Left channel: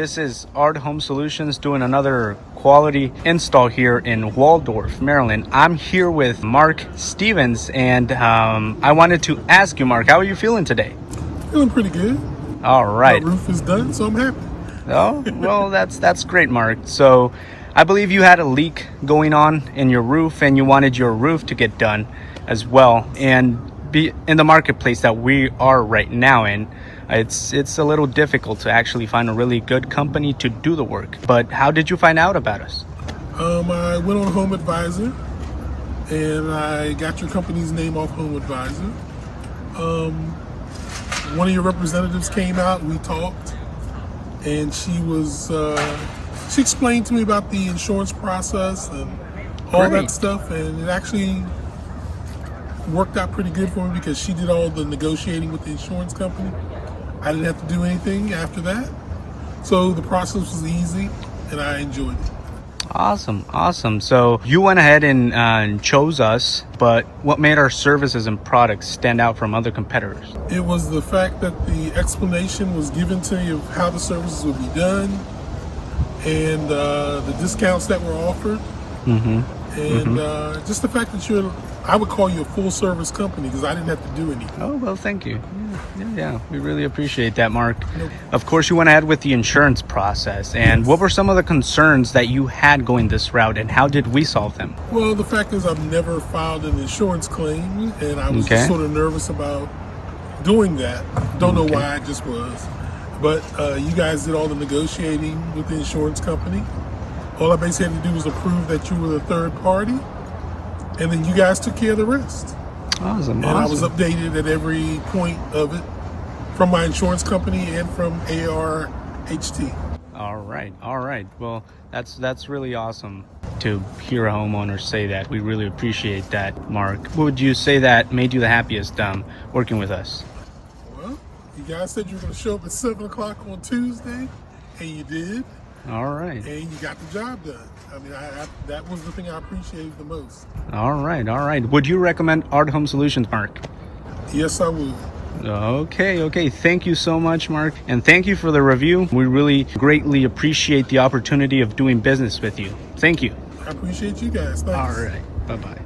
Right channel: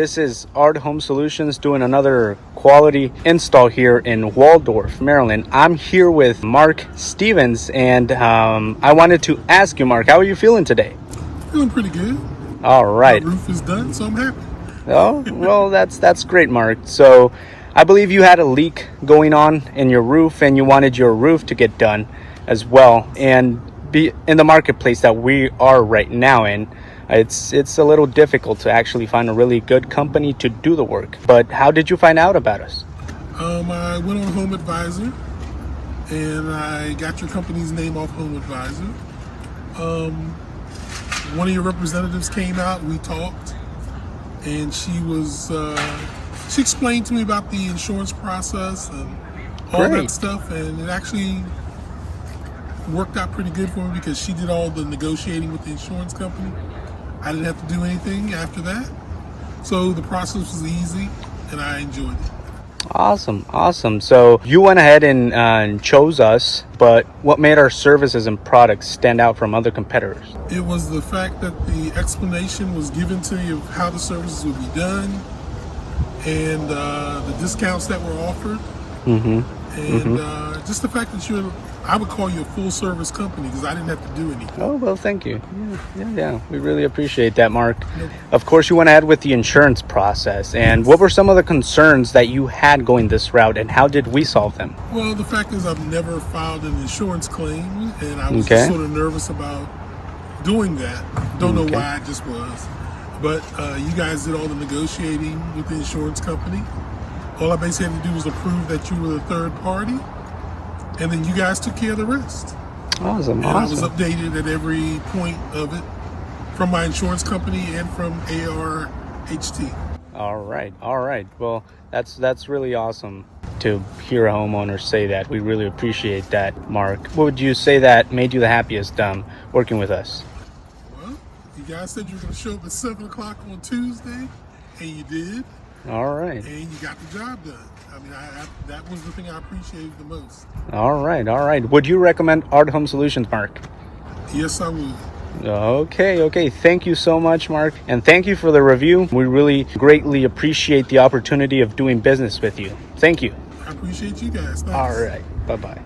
This is ARHT Home Solutions doing another quality install here in Waldorf, Maryland. I'm here with Mark Stevens, and I wanted to ask you, Mark, how are you feeling today? Feeling pretty good. All right. My roof is done, so I'm happy. Oh, well, that's great, Mark. So I believe you had a leak going on in your roof, and you wanted your roof to get done as well. And be in the marketplace that we are right now in, it's a little difficult to actually find a really good company to do the work. But how did you find out about us? I went on Home Advisor, and I got your company's name off Home Advisor. One of your representatives came out, we talked, and she explained to me about the insurance process and all Great. that stuff, and it actually worked out pretty good for me because she did all the negotiating with the insurance company. I didn't have to do anything after that. So the process was easy and I enjoyed it. Awesome. So you went ahead and chose us, but what made our services and products stand out from other competitors? It was the fact that the explanation was given to you of how the services would be done and the discounts that were offered. Just the fact that I would call you a full service company because I didn't have to do anything. Oh, well, thank you. Yeah. We really appreciate that, Mark. Of course, you went ahead with the insurance process. And what were some of the concerns that you had going this route, and how did we solve them? Well, the fact is I've never filed an insurance claim, and I was just sort of nervous about doing that. Don't know why, I just was. But you guys did all the negotiating with the insurance company. All I basically had to do was approve that you were the third party, and then you guys took care of the rest. Awesome. I was updated at every point of it from my insurance company and from ARHT. All right. Well, that's really awesome to hear a homeowner say that. We really appreciate that, Mark. What would you say that made you the happiest working with us? Well, you guys said you were going to show up at 7 o'clock on Tuesday, and you did. All right. And you got the job done. I mean, that was the thing I appreciated the most. All right. Would you recommend ARHT Home Solutions, Mark? Yes, I would. Okay. Thank you so much, Mark. And thank you for the review. We really greatly appreciate the opportunity of doing business with you. Thank you. I appreciate you guys. Thanks. All right. Bye-bye.